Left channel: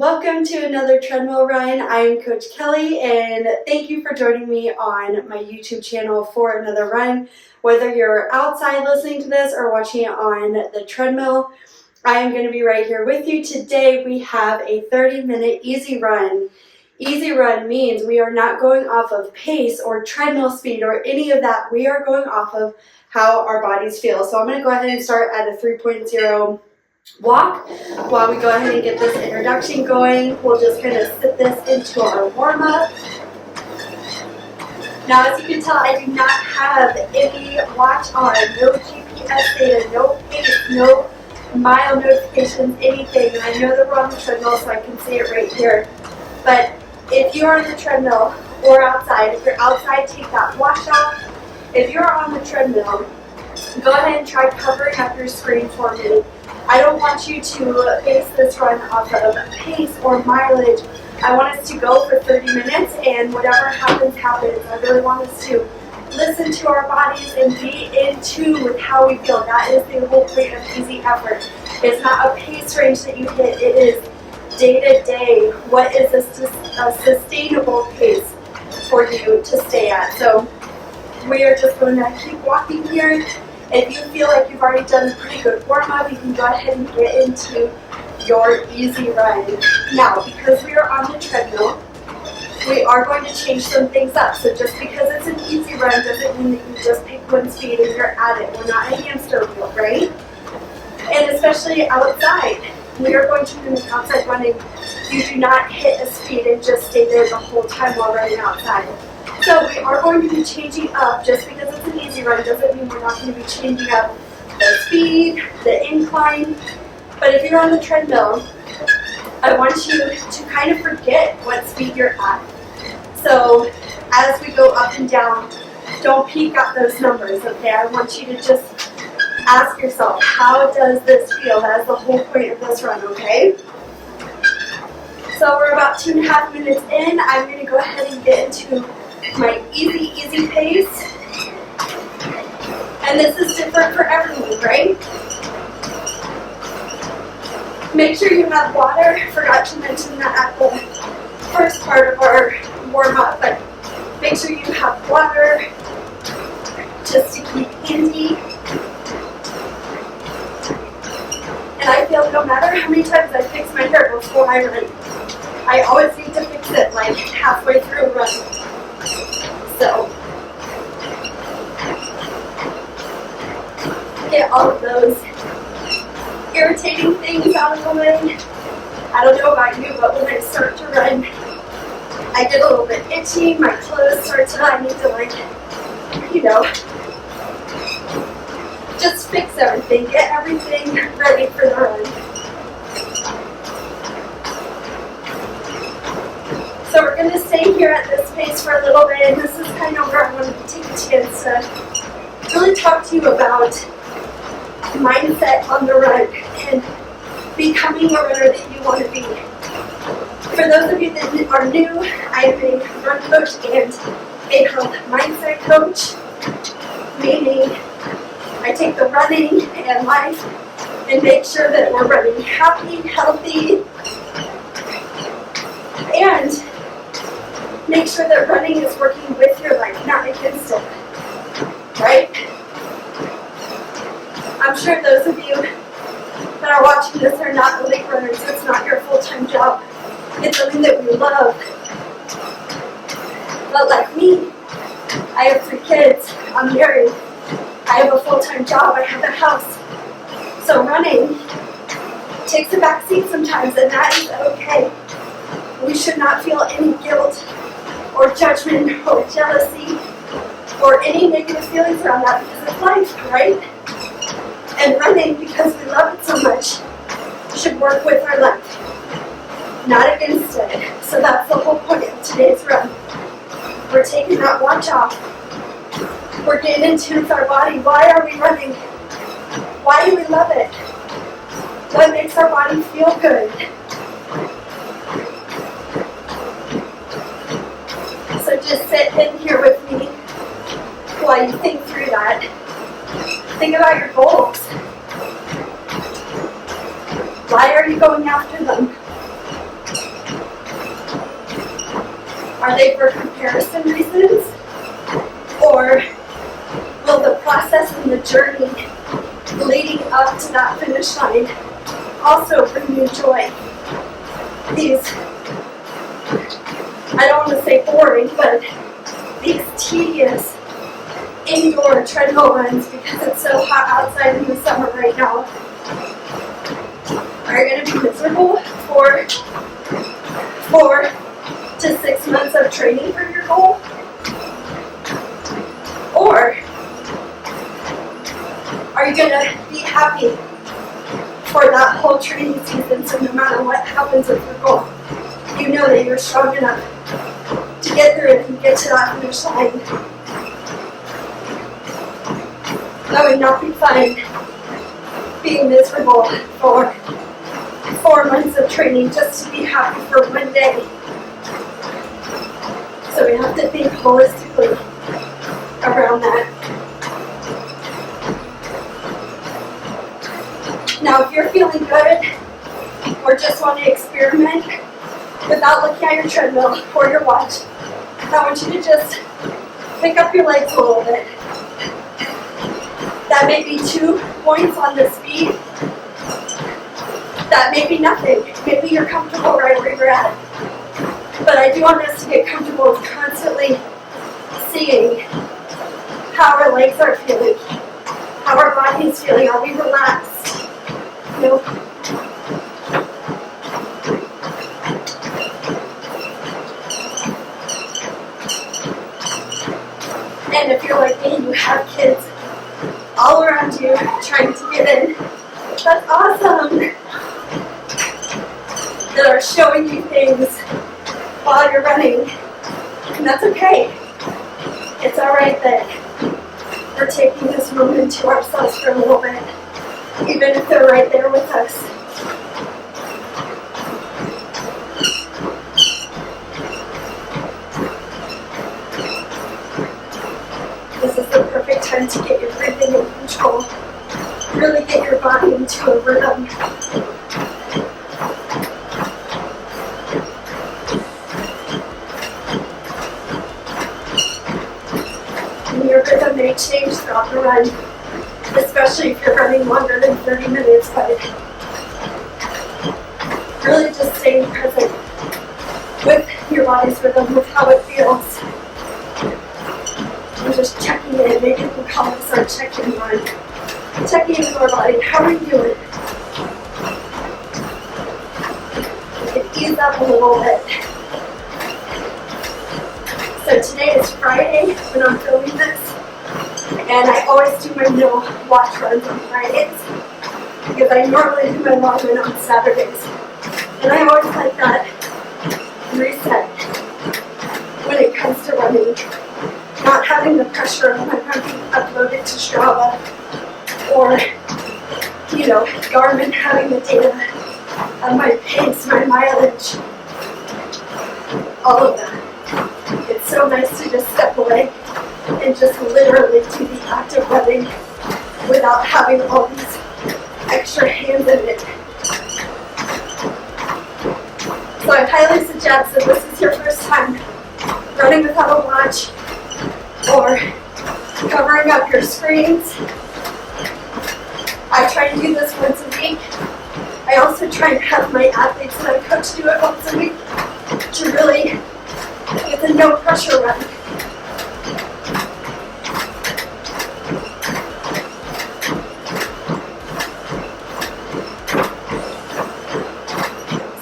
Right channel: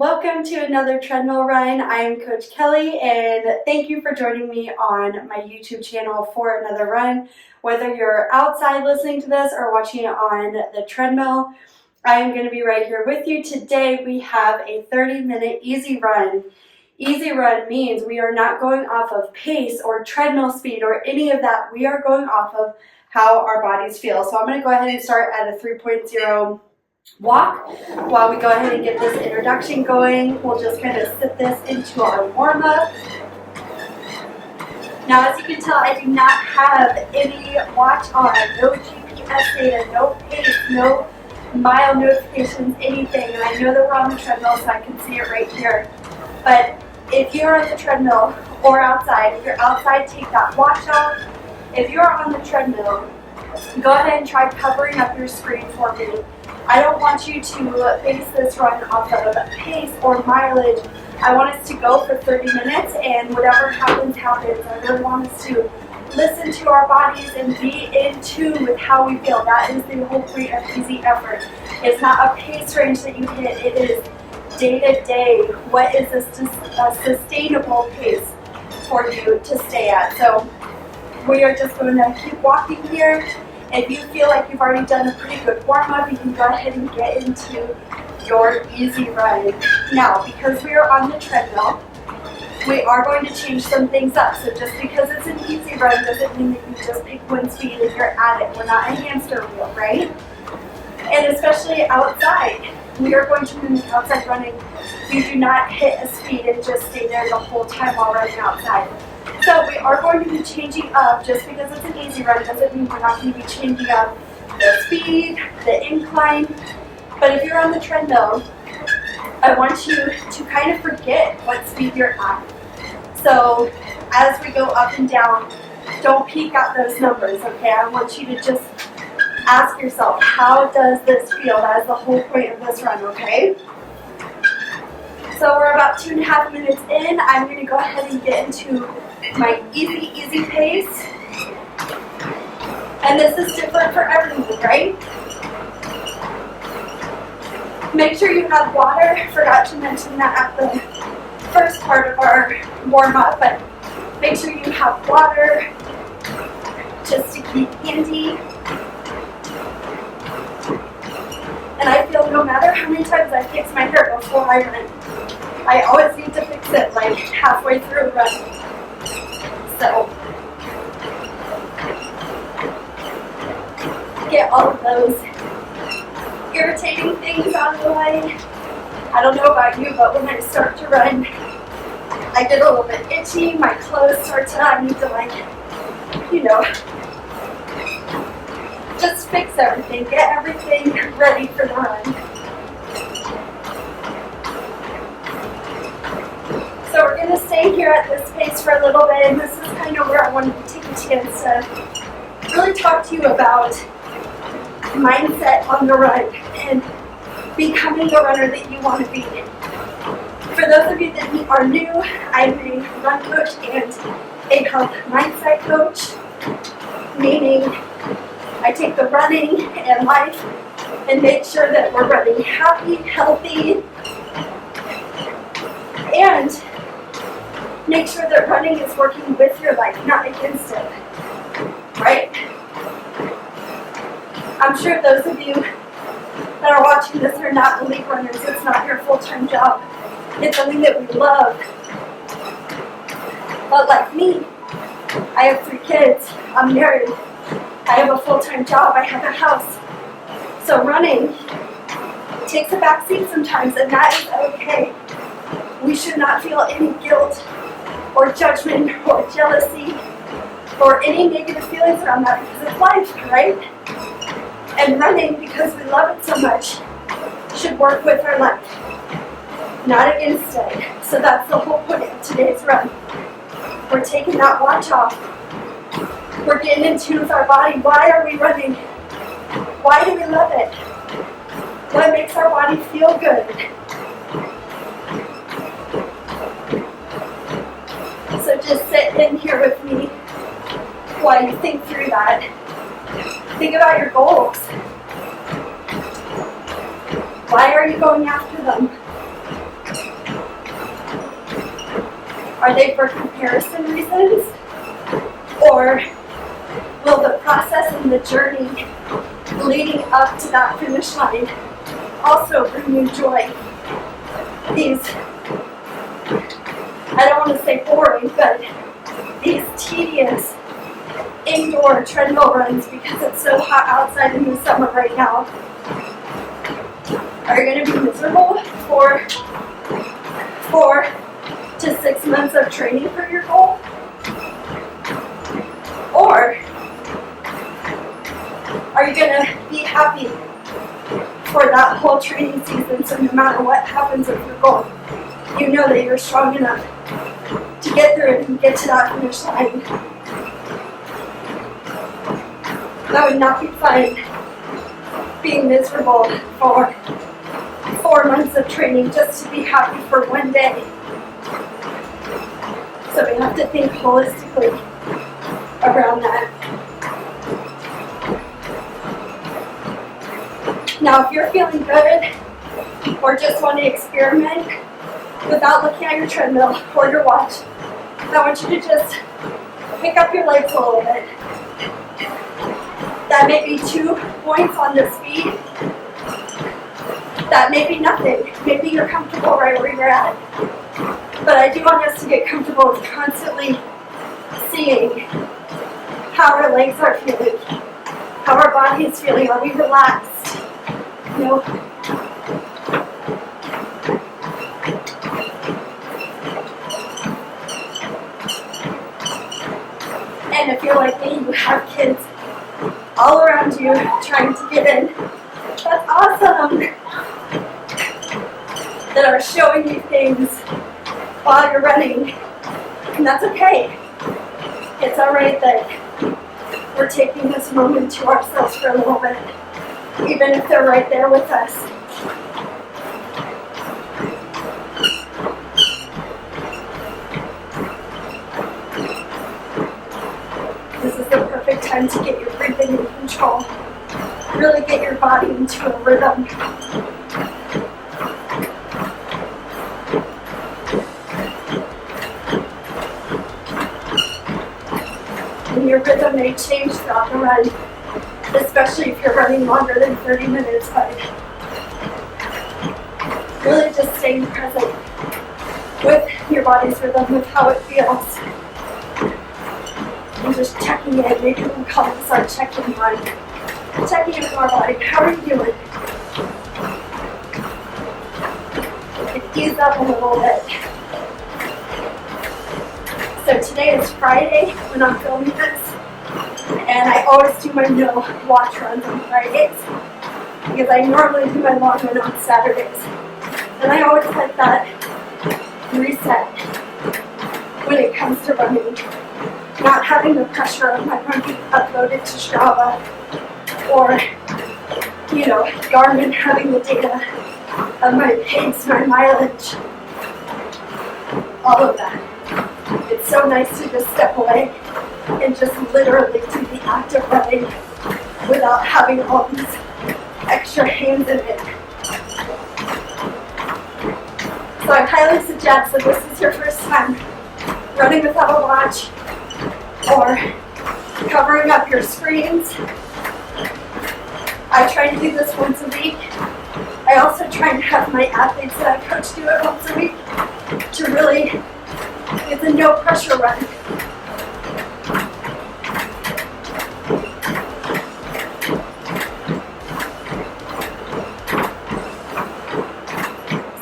Welcome to another treadmill run. I am Coach Kelly, and thank you for joining me on my YouTube channel for another run. Whether you're outside listening to this or watching it on the treadmill, I am going to be right here with you. Today we have a 30-minute easy run. Easy run means we are not going off of pace or treadmill speed or any of that. We are going off of how our bodies feel. So I'm going to go ahead and start at a 3.0 walk. While we go ahead and get this introduction going, we'll just kind of sit this into our warm-up. Now, as you can tell, I do not have any watch on, no GPS data, no pace, no mile notifications, anything. And I know that we're on the treadmill, so I can see it right here. But if you're on the treadmill or outside, if you're outside, take that watch off. If you're on the treadmill, go ahead and try covering up your screen for me. I don't want you to base this run off of pace or mileage. I want us to go for 30 minutes, and whatever happens, happens. I really want us to listen to our bodies and be in tune with how we feel. That is the whole point of easy effort. It's not a pace range that you hit. It is day to day. What is a sustainable pace for you to stay at? So we are just going to keep walking here. If you feel like you've already done a pretty good warm-up, you can go ahead and get into your easy run. Now, because we are on the treadmill, we are going to change some things up. So just because it's an easy run doesn't mean that you just pick one speed and you're at it. We're not a hamster wheel, right? And especially outside, we are going to mimic outside running. You do not hit a speed and just stay there the whole time while running outside. So we are going to be changing up. Just because it's an easy run doesn't mean we're not going to be changing up the speed, the incline. But if you're on the treadmill, I want you to kind of forget what speed you're at. So as we go up and down, don't peek at those numbers, okay? I want you to just ask yourself, how does this feel? That is the whole point of this run, okay? So we're about 2.5 minutes in. I'm going to go ahead and get into my easy pace. And this is different for everyone, right? Make sure you have water. Forgot to mention that at the first part of our warm-up, but make sure you have water just to keep handy. And I feel no matter how many times I fix my hair before I run, I always need to fix it like halfway through a run. So get all of those irritating things out of the way. I don't know about you, but when I start to run, I get a little bit itchy. My clothes start to, I need to just fix everything, get everything ready for the run. So we're going to stay here at this pace for a little bit, and this is kind of where I wanted to take a chance to really talk to you about mindset on the run and becoming the runner that you want to be. For those of you that are new, I'm a run coach and a health mindset coach, meaning I take the running and life and make sure that we're running happy, healthy, and make sure that running is working with your life, not against it, right? I'm sure those of you that are watching this are not elite runners. It's not your full-time job. It's something that we love. But like me, I have 3 kids. I'm married. I have a full-time job. I have a house. So running takes a back seat sometimes, and that is okay. We should not feel any guilt or judgment or jealousy or any negative feelings around that because it's life, right? And running, because we love it so much, should work with our life, not against it. So that's the whole point of today's run. We're taking that watch off. We're getting in tune with our body. Why are we running? Why do we love it? What makes our body feel good? So just sit in here with me while you think through that. Think about your goals. Why are you going after them? Are they for comparison reasons? Or will the process and the journey leading up to that finish line also bring you joy? These, I don't want to say boring, but these tedious indoor treadmill runs, because it's so hot outside in the summer right now, are you going to be miserable for 4 to 6 months of training for your goal? Or are you going to be happy for that whole training season, so no matter what happens with your goal, you know that you're strong enough to get through it and get to that finish line? That would not be fun, being miserable for 4 months of training just to be happy for one day. So we have to think holistically around that. Now, if you're feeling good or just want to experiment without looking at your treadmill or your watch, I want you to just pick up your legs a little bit. That may be 2 points on the speed. That may be nothing. Maybe you're comfortable right where you're at. But I do want us to get comfortable with constantly seeing how our legs are feeling, how our body is feeling. Are we relaxed? You know? And if you're like me, you have kids all around you trying to get in, that's awesome, that are showing you things while you're running, and that's okay. It's alright that we're taking this moment to ourselves for a little bit, even if they're right there with us. This is the perfect time to get your breathing in control. Really get your body into a rhythm. And your rhythm may change throughout the run, especially if you're running longer than 30 minutes, but really just staying present with your body's rhythm, with how it feels. And just checking in. Maybe we can call this our check-in run. Checking in with our body. How are you doing? And ease up a little bit. So today is Friday when I'm filming this, and I always do my no watch runs on Fridays because I normally do my long run on Saturdays. And I always like that reset when it comes to running. Not having the pressure of my run being uploaded to Strava, or, you know, Garmin having the data of my pace, my mileage, all of that. It's so nice to just step away and just literally do the act of running without having all these extra hands in it. So I highly suggest that this is your first time running without a watch, or covering up your screens. I try to do this once a week. I also try and have my athletes that I coach do it once a week to really get the no pressure run.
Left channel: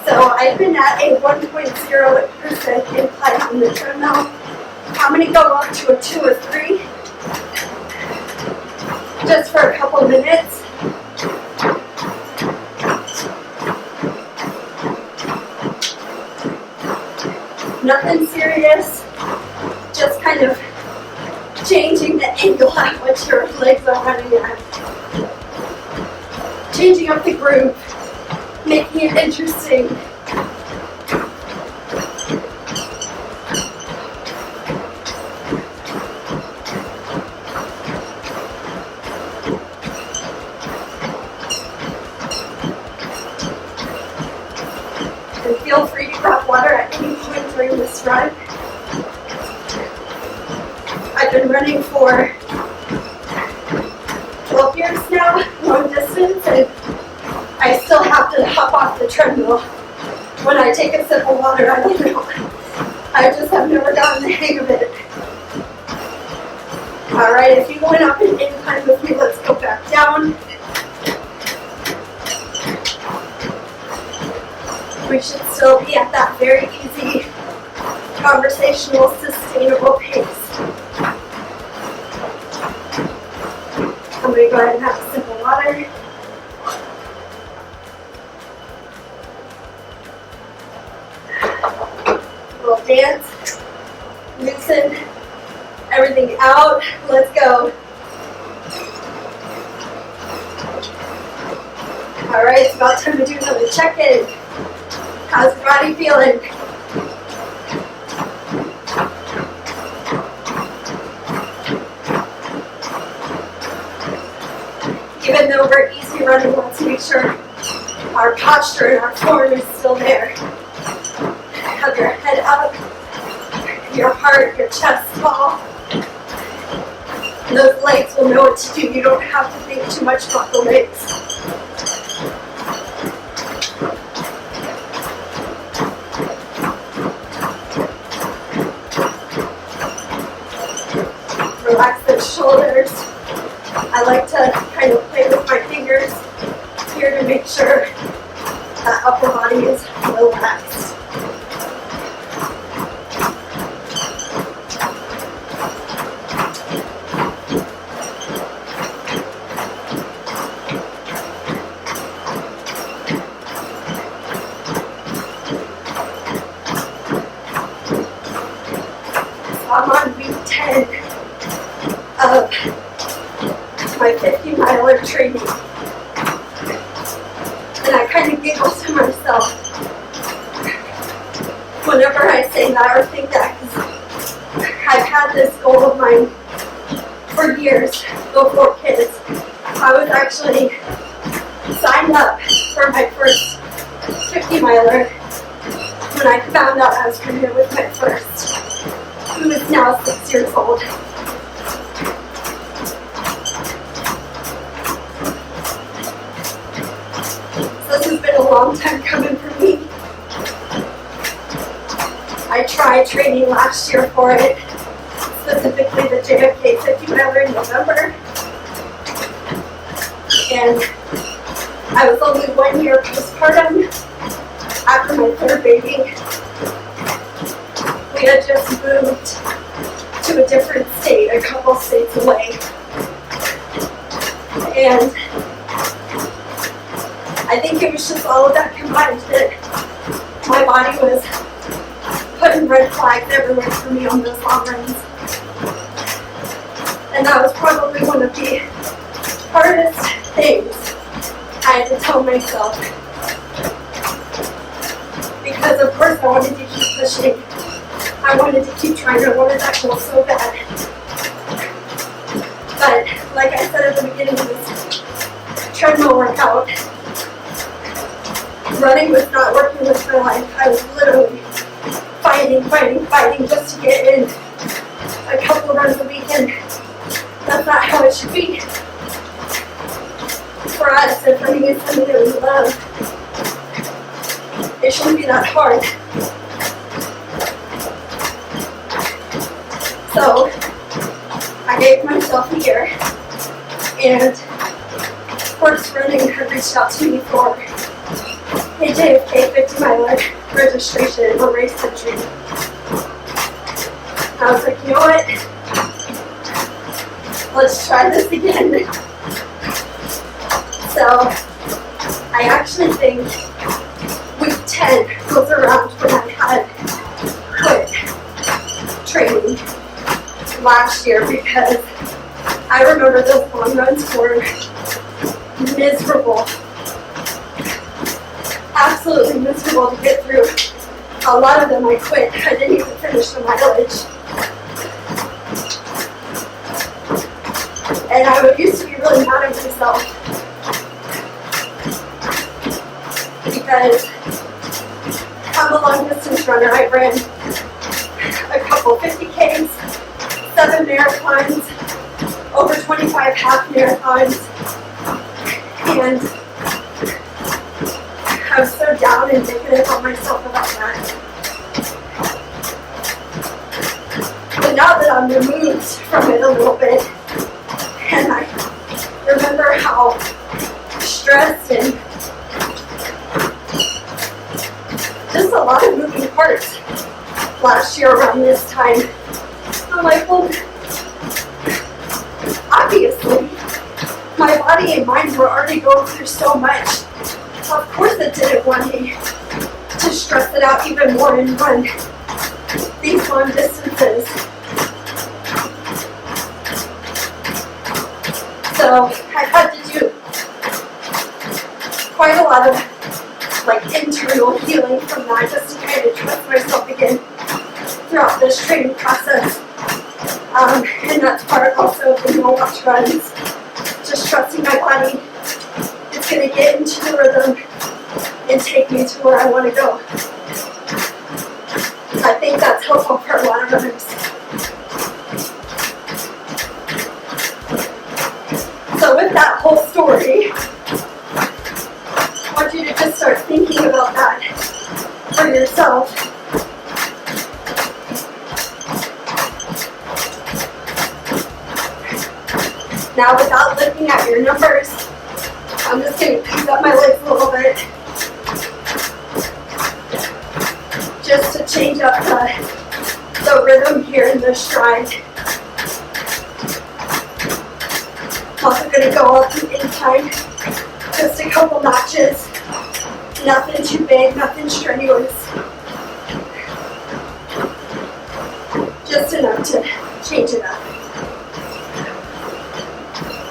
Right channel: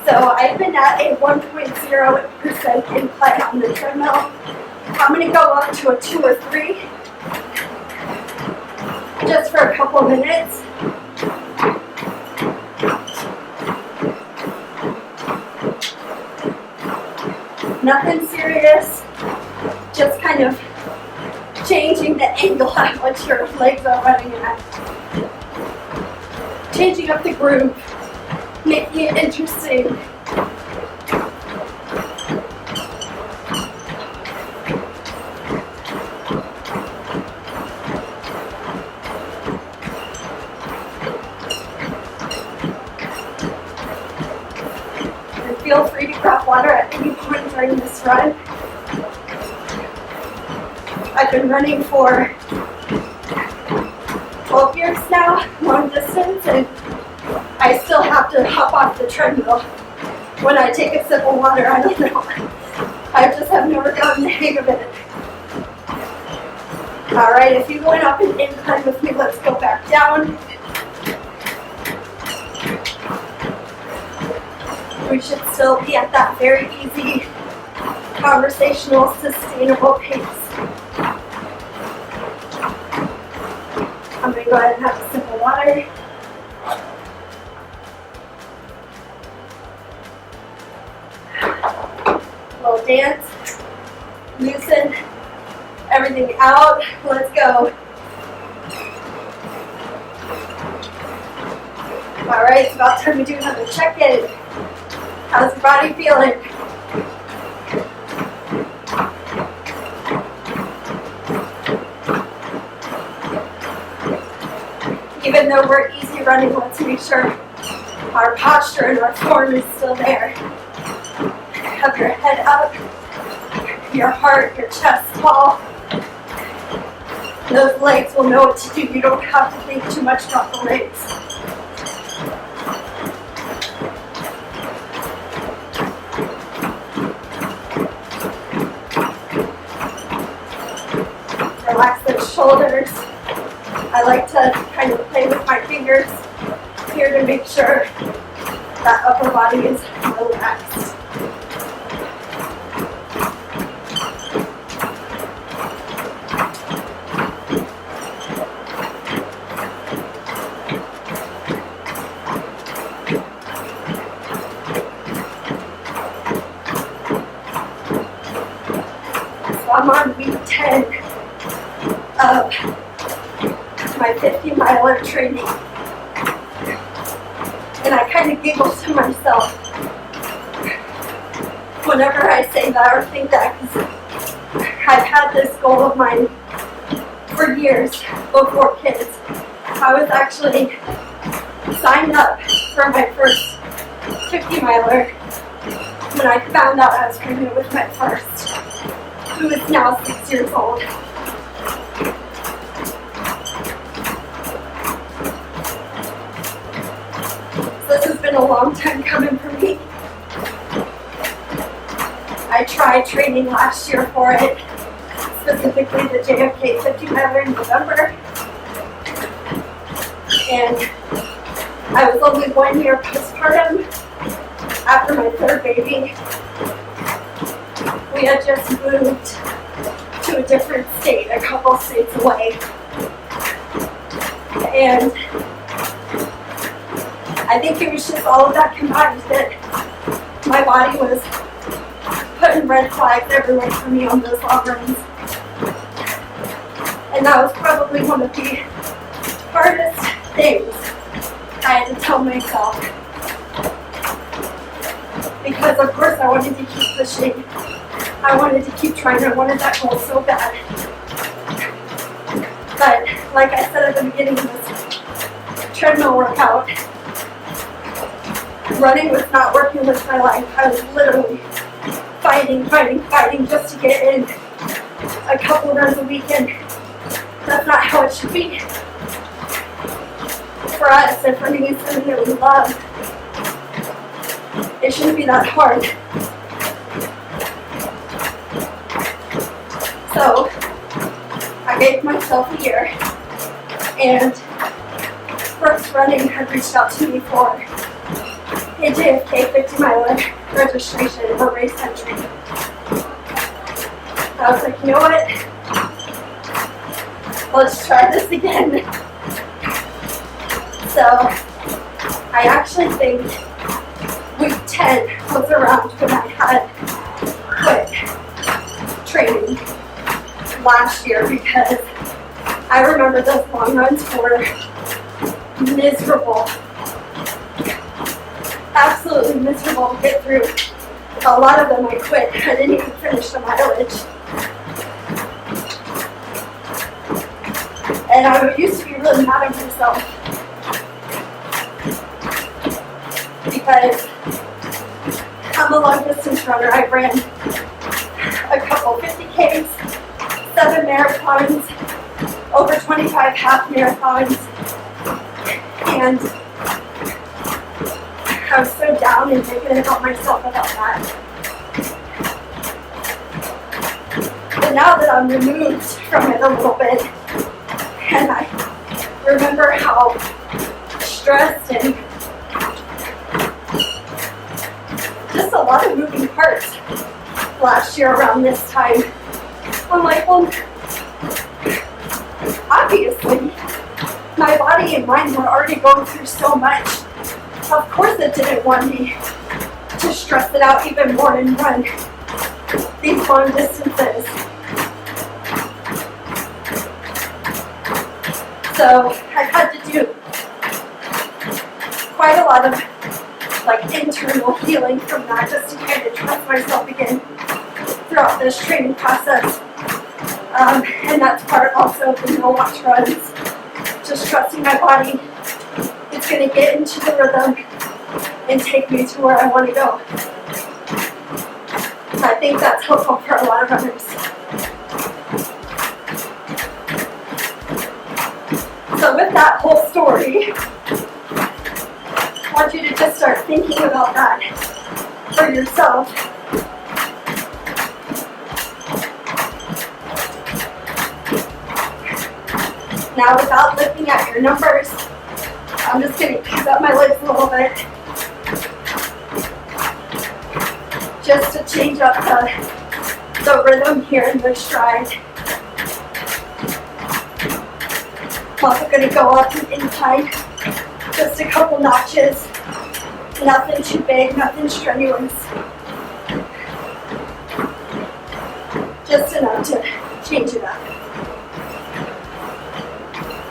So I've been at a 1.0% incline on the treadmill. I'm going to go up to a 2 or 3 just for a couple minutes. Nothing serious, just kind of changing the angle at what your legs are running at. Changing up the groove, making it interesting. Feel free to grab water at any point during this run. I've been running for 12 years now, long distance, and I still have to hop off the treadmill when I take a sip of water. I don't know. I just have never gotten the hang of it. All right, if you went up an incline with me, let's go back down. We should still be at that very easy, conversational, sustainable pace. I'm going to go ahead and have a sip of water. Little dance, loosen everything out. Let's go. All right, it's about time to do another check-in. How's your body feeling? Even though we're easy running, let's make sure our posture and our form is still there. Have your head up, your heart, your chest tall. Those legs will know what to do. You don't have to think too much about the legs. Relax those shoulders. I like to kind of play with my fingers here to make sure that upper body is relaxed. So I'm on week 10 of my 50-miler training. And I kind of giggle to myself whenever I say that or think that, because I've had this goal of mine for years before kids. I was actually signed up for my first 50-miler when I found out I was pregnant with my first, who is now 6 years old. This has been a long time coming for me. I tried training last year for it, specifically the JFK 50-miler in November. And I was only 1 year postpartum after my third baby. We had just moved to a different state, a couple states away. And I think it was just all of that combined that my body was putting red flags everywhere for me on those long runs. And that was probably one of the hardest things I had to tell myself. Because of course I wanted to keep pushing. I wanted to keep trying. I wanted that goal so bad. But like I said at the beginning of this treadmill workout, running was not working with my life. I was literally fighting just to get in a couple runs a week, and that's not how it should be. For us, if running is something that we love, it shouldn't be that hard. So I gave myself a year, and First Running had reached out to me for a JFK 50-miler registration or race entry. I was like, you know what? Let's try this again. So I actually think week 10 was around when I had quit training last year, because I remember those long runs were miserable. Absolutely miserable to get through. A lot of them I quit. I didn't even finish the mileage. And I used to be really mad at myself because I'm a long distance runner. I ran a couple 50Ks, 7 marathons, over 25 half marathons, and I was so down and negative on myself about that. But now that I'm removed from it a little bit, and I remember how stressed and just a lot of moving parts last year around this time, I'm like, well, obviously, my body and mind were already going through so much. Of course it didn't want me to stress it out even more and run these long distances. So I've had to do quite a lot of internal healing from that, just to kind of trust myself again throughout this training process. And that's part also of the no watch runs. Just trusting my body. It's going to get into the rhythm and take me to where I want to go. I think that's helpful for a lot of runners. So with that whole story, I want you to just start thinking about that for yourself. Now, without looking at your numbers, I'm just going to ease up my legs a little bit, just to change up the rhythm here in the stride. I'm also going to go up in time, just a couple notches, nothing too big, nothing strenuous, just enough to change it up.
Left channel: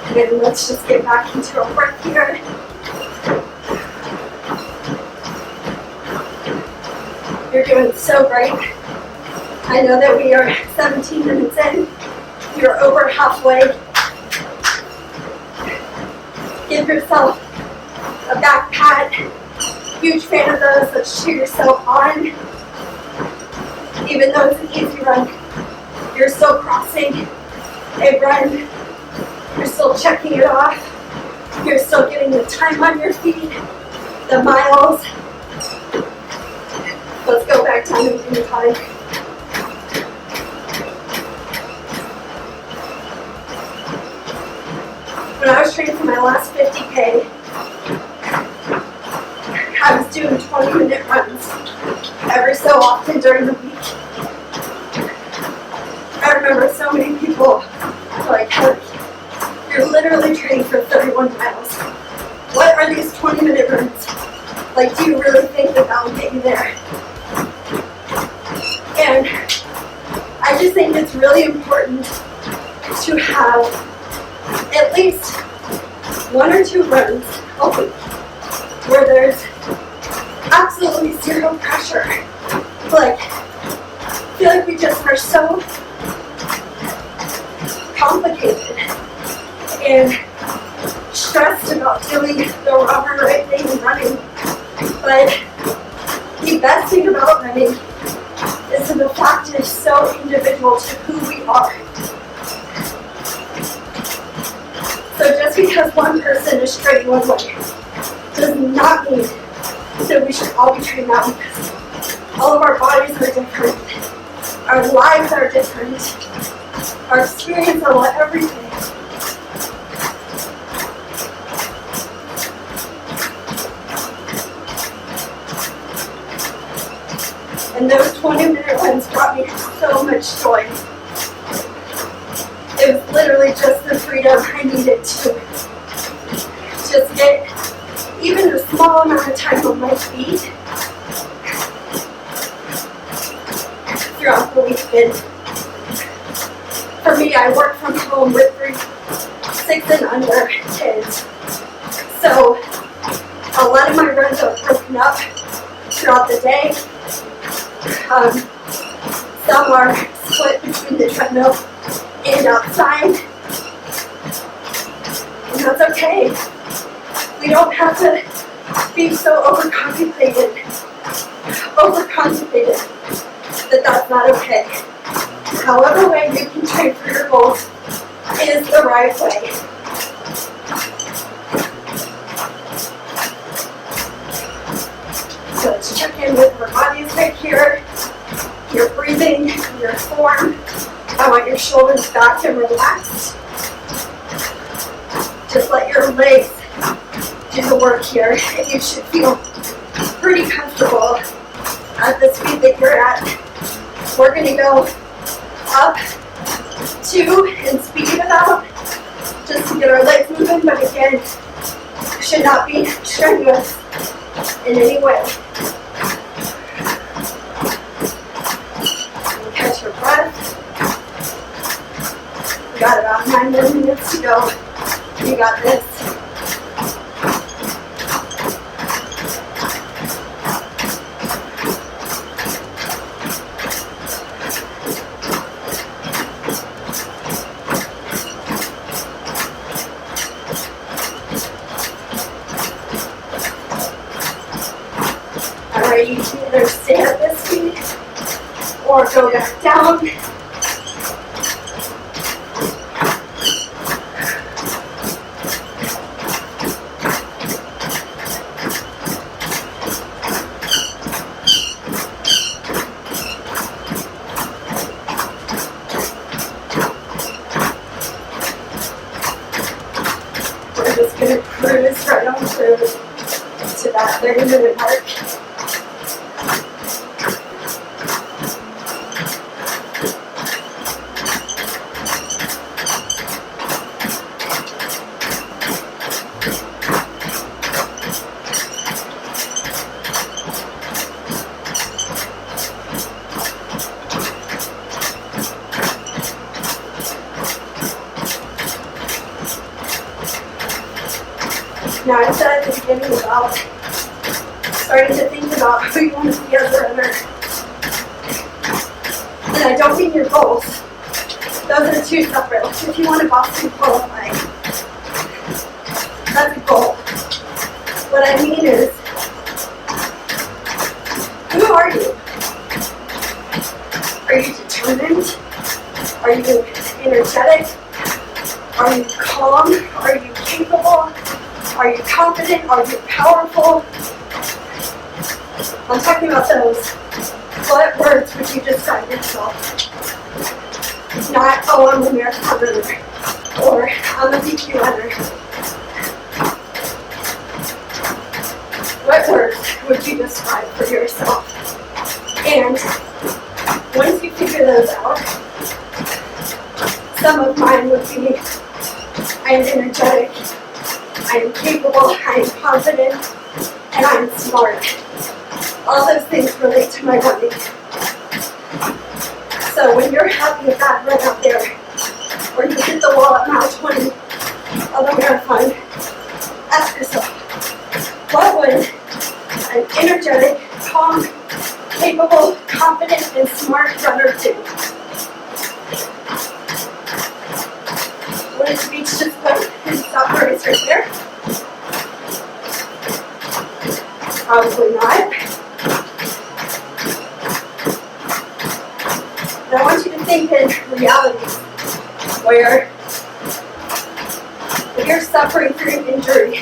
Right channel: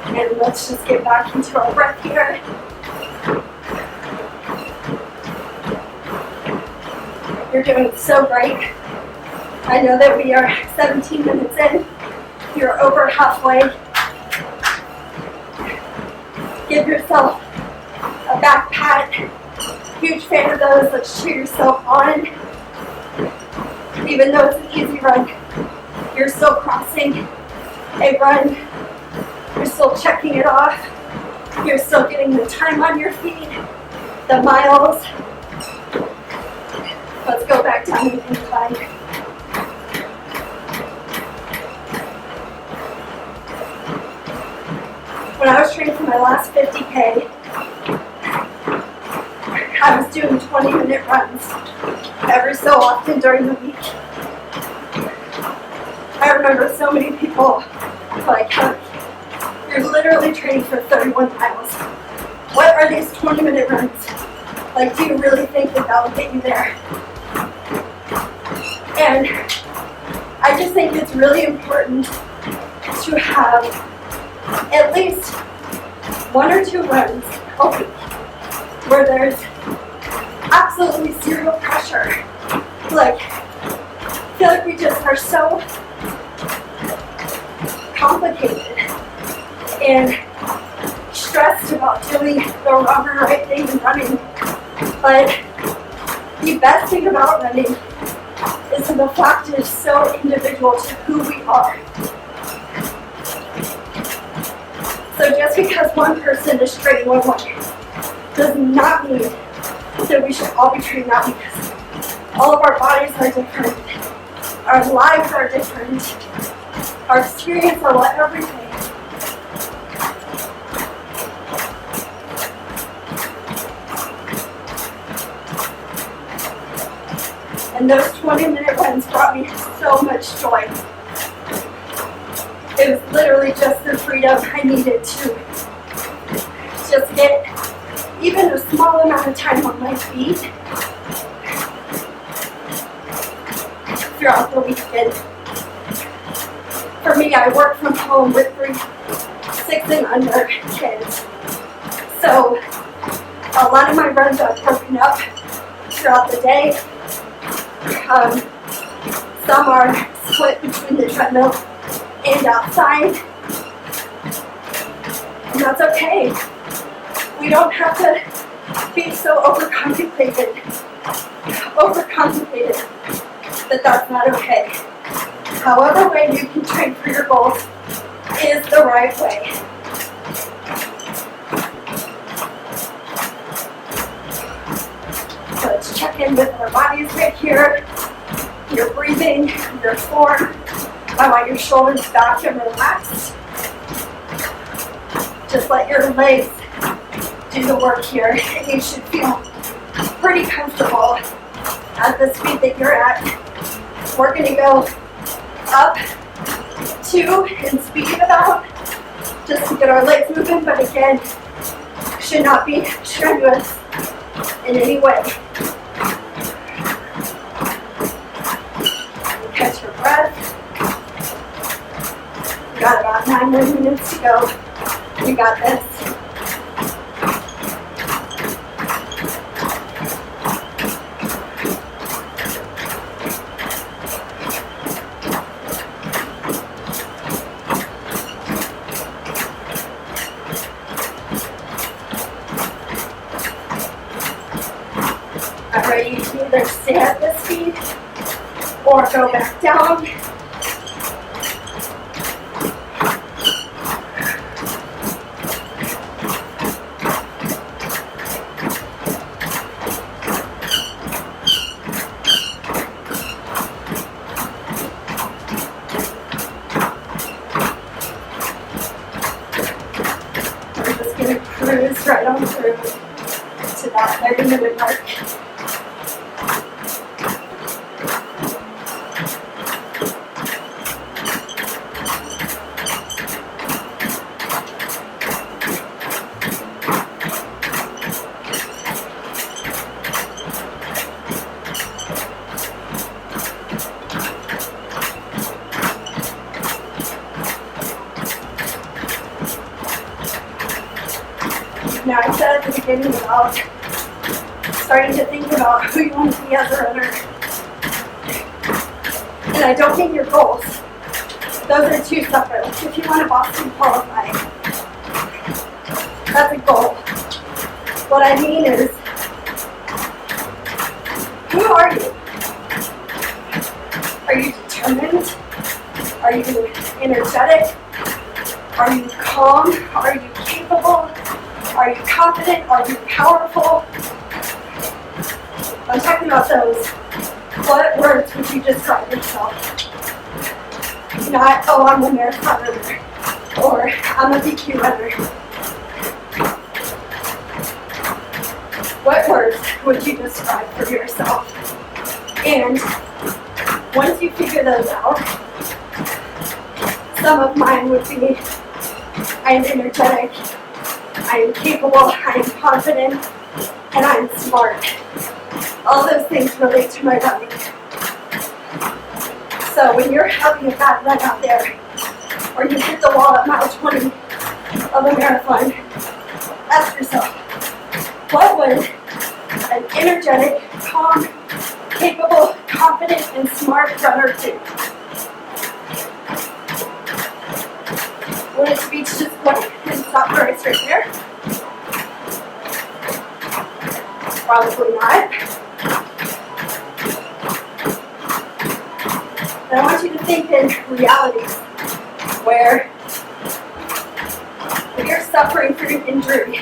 And let's just get back into our breath here. You're doing so great. I know that we are 17 minutes in. You're over halfway. Give yourself a back pat. Huge fan of those. Let's cheer yourself on. Even though it's an easy run, you're still crossing a run. You're still checking it off. You're still getting the time on your feet, the miles. Let's go back down and incline. When I was training for my last 50K, I was doing 20-minute runs every so often during the week. I remember so many people like, you're literally training for 31 miles. What are these 20-minute runs? Like, do you really think that will get you there? And I just think it's really important to have at least 1 or 2 runs a week where there's absolutely zero pressure. Like, I feel like we just are so complicated and stressed about doing the wrong or right thing and running. But the best thing about running is that the fact is so individual to who we are. So just because one person is training one way does not mean that we should all be trained that way, because all of our bodies are different, our lives are different, our experience of everything. And those 20-minute runs brought me so much joy. It was literally just the freedom I needed to just get even a small amount of time on my feet throughout the weekend. For me, I work from home with 3, 6 and under kids. So a lot of my runs are broken up throughout the day. Some are split between the treadmill and outside. And that's okay. We don't have to be so overcontemplated that that's not okay. However way you can train for your goals is the right way. So let's check in with our bodies right here. Your breathing, your form. I want your shoulders back and relaxed. Just let your legs do the work here, and you should feel pretty comfortable at the speed that you're at. We're going to go up 2 and speed it about just to get our legs moving, but again, should not be strenuous in any way. Catch your breath. You got about 9 more minutes to go. You got this. Alright, you can either stay at this speed or go back down. We're just going to cruise right on through to that 30-minute mark. Now, I said at the beginning about starting to think about who you want to be as a runner. And I don't mean your goals. Those are 2 separate. If you want to Boston qualify, that's a goal. What I mean is, who are you? Are you determined? Are you energetic? Are you calm? Are you capable? Are you confident? Are you powerful? I'm talking about those. What words would you describe yourself? Not, oh, I'm a marathon runner, or I'm a DQ runner. What words would you describe for yourself? And once you figure those out, some of mine would be, I am energetic, I am capable, I am confident, and I am smart. All those things relate to my running. So when you're having a bad run out there, or you hit the wall at mile 20 of a marathon, ask yourself, what would an energetic, calm, capable, confident, and smart runner do? Would it be to just put and stop the race right there? Probably not. And I want you to think in realities where if you're suffering through an injury,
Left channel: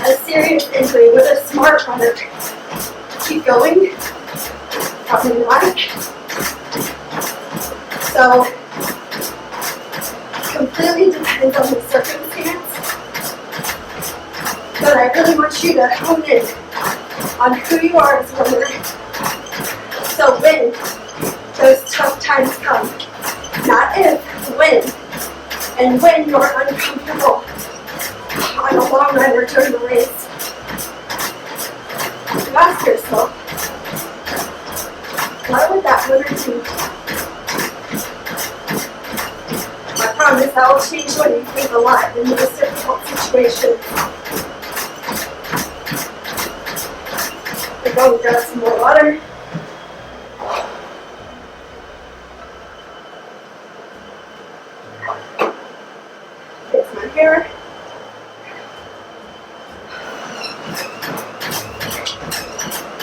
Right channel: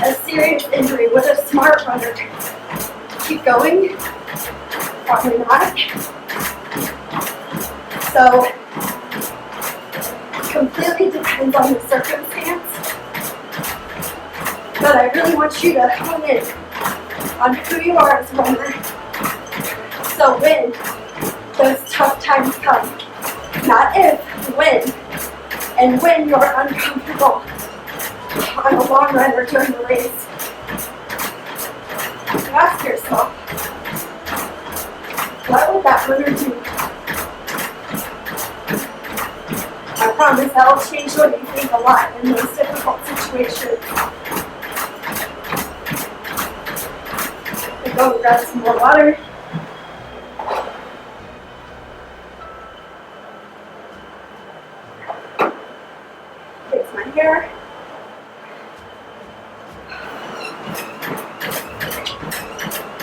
a serious injury, with a smart runner, keep going? Probably not. So, completely depends on the circumstance. But I really want you to hone in on who you are as a runner. So when those tough times come, not if, when. And when you're uncomfortable on a long run or during the race, you ask yourself, what would that runner do? I promise that will change what you think a lot in those difficult situations. I'm going to grab some more water. Here's my hair.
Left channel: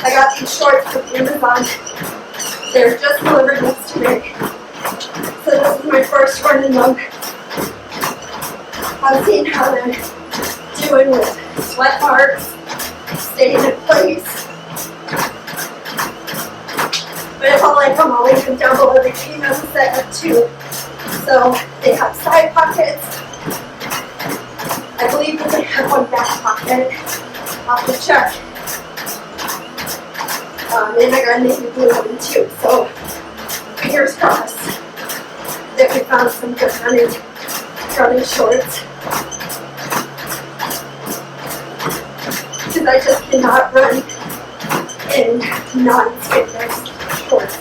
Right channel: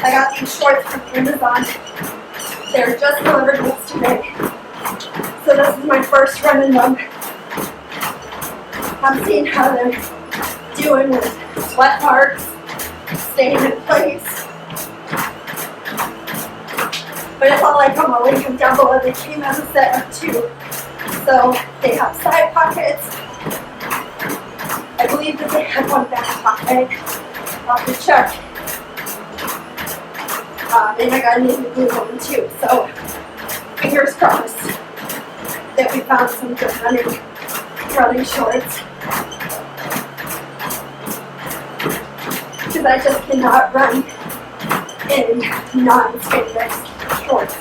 I got these shorts from Amazon. They're just delivered yesterday. So this is my first run in them. I'm seeing how they're doing with sweat marks, staying in place. But if I like them, I'll link them down below. They came as a set of 2. So they have side pockets. I believe that they have one back pocket. I'll have to check. And I got a navy blue one too. So fingers crossed that we found some good running shorts. Because I just cannot run in non-spandex shorts.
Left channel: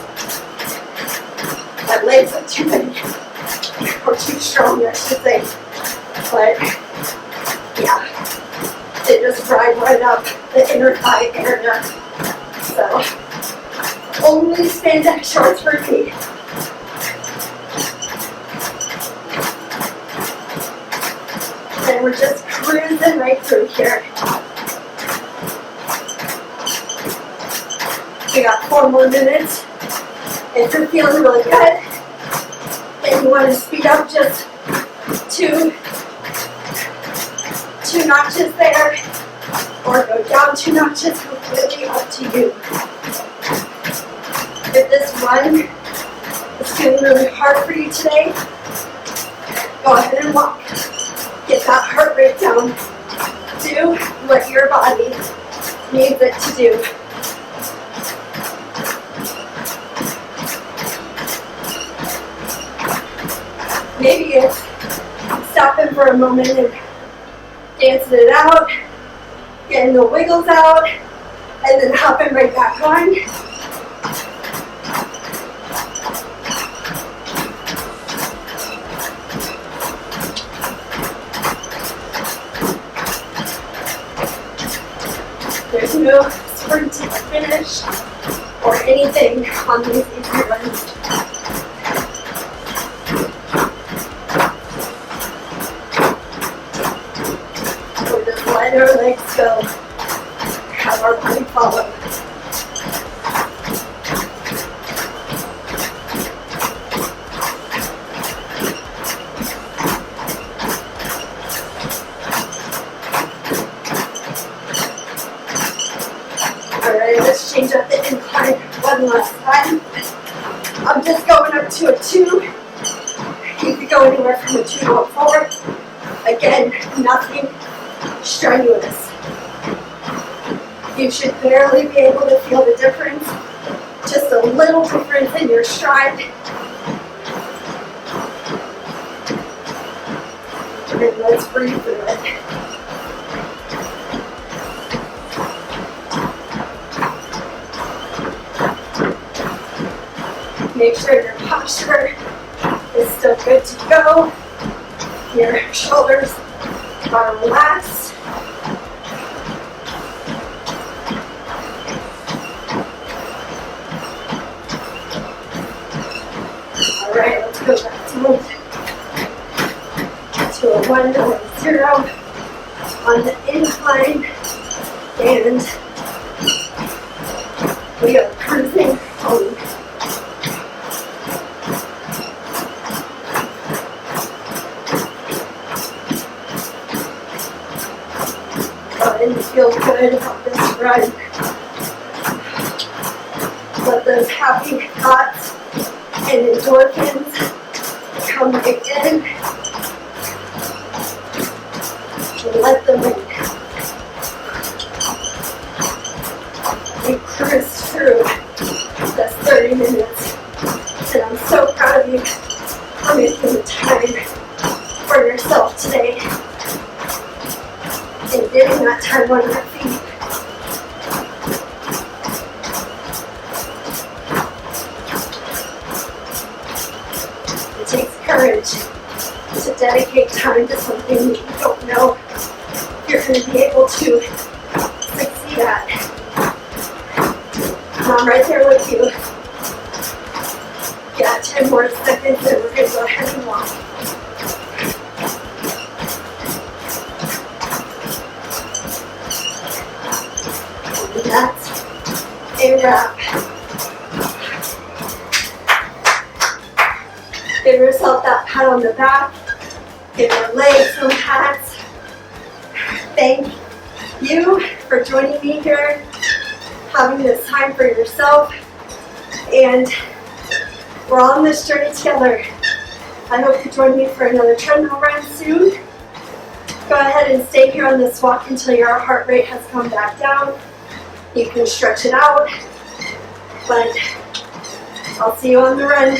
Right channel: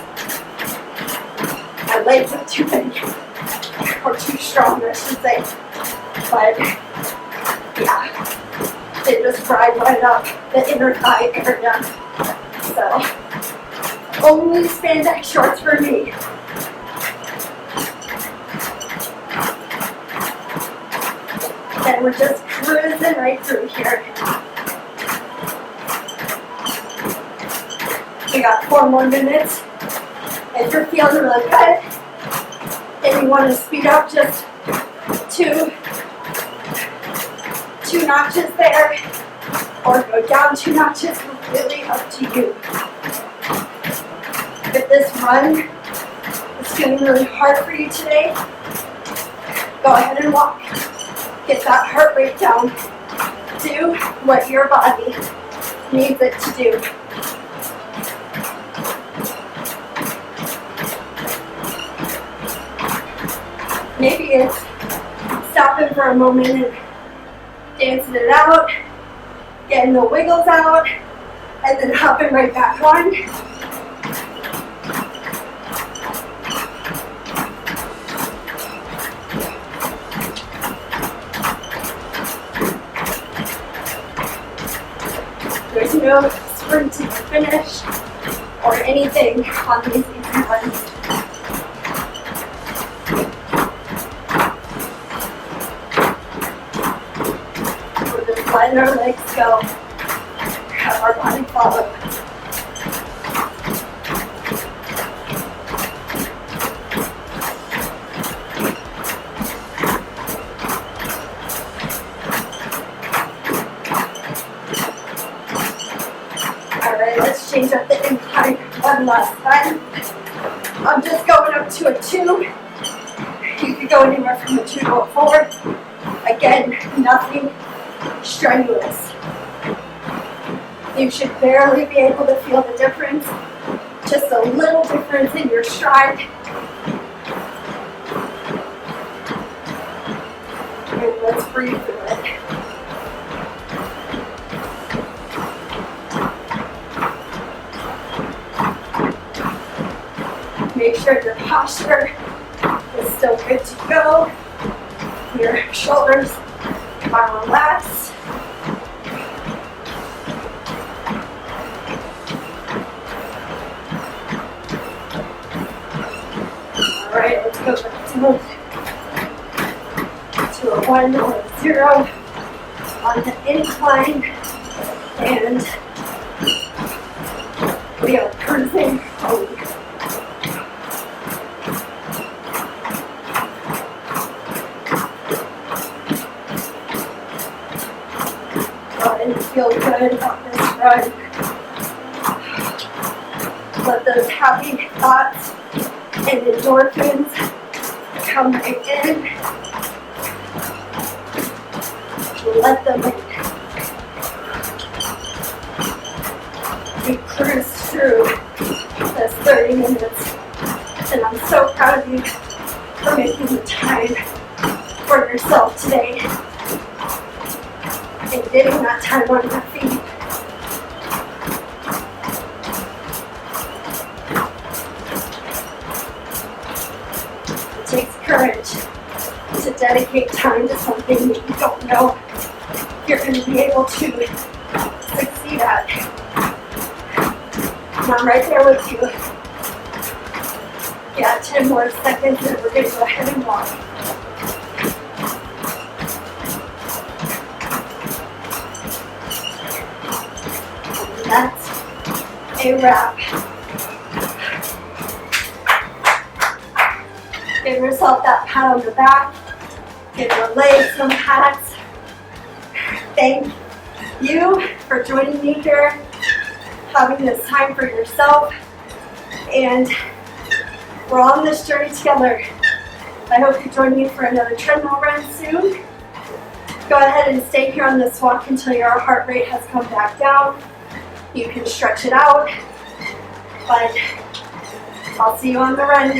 My legs are too big, or too strong, I should say. But yeah, they just ride right up the inner thigh area. So only spandex shorts for me. And we're just cruising right through here. We got 4 more minutes. If you're feeling really good, and you want to speed up just two notches there, or go down 2 notches, completely up to you. If this run is feeling really hard for you today, go ahead and walk. Get that heart rate down. Do what your body needs it to do. Maybe it's stopping for a moment and dancing it out, getting the wiggles out, and then hopping right back on. There's no sprint to the finish or anything on these easy runs. We're just letting our legs go, have our body follow. Let's change up the incline one last time. I'm just going up to a 2. You could go anywhere from a 2 to a 4. Again, nothing strenuous. You should barely be able to feel the difference. Just a little difference in your stride. And let's breathe through it. Make sure your posture is still good to go. Your shoulders are relaxed. All right, let's go back to a 1 or a 0 on the incline, and we are cruising home. And feel good about this run. Let those happy thoughts and endorphins come in. Let them in. We cruised through this 30 minutes, and I'm so proud of you for making the time for yourself today. And getting that time on your feet. It takes courage to dedicate time to something that you don't know you're going to be able to succeed at. And I'm right there with you. Yeah, 10 more seconds and we're going to go ahead and walk. That's a wrap. Give yourself that pat on the back. Give your legs some pats. Thank you for joining me here, having this time for yourself, and we're on this journey together. I hope you join me for another treadmill run soon. Go ahead and stay here on this walk until your heart rate has come back down. You can stretch it out, but I'll see you on the run.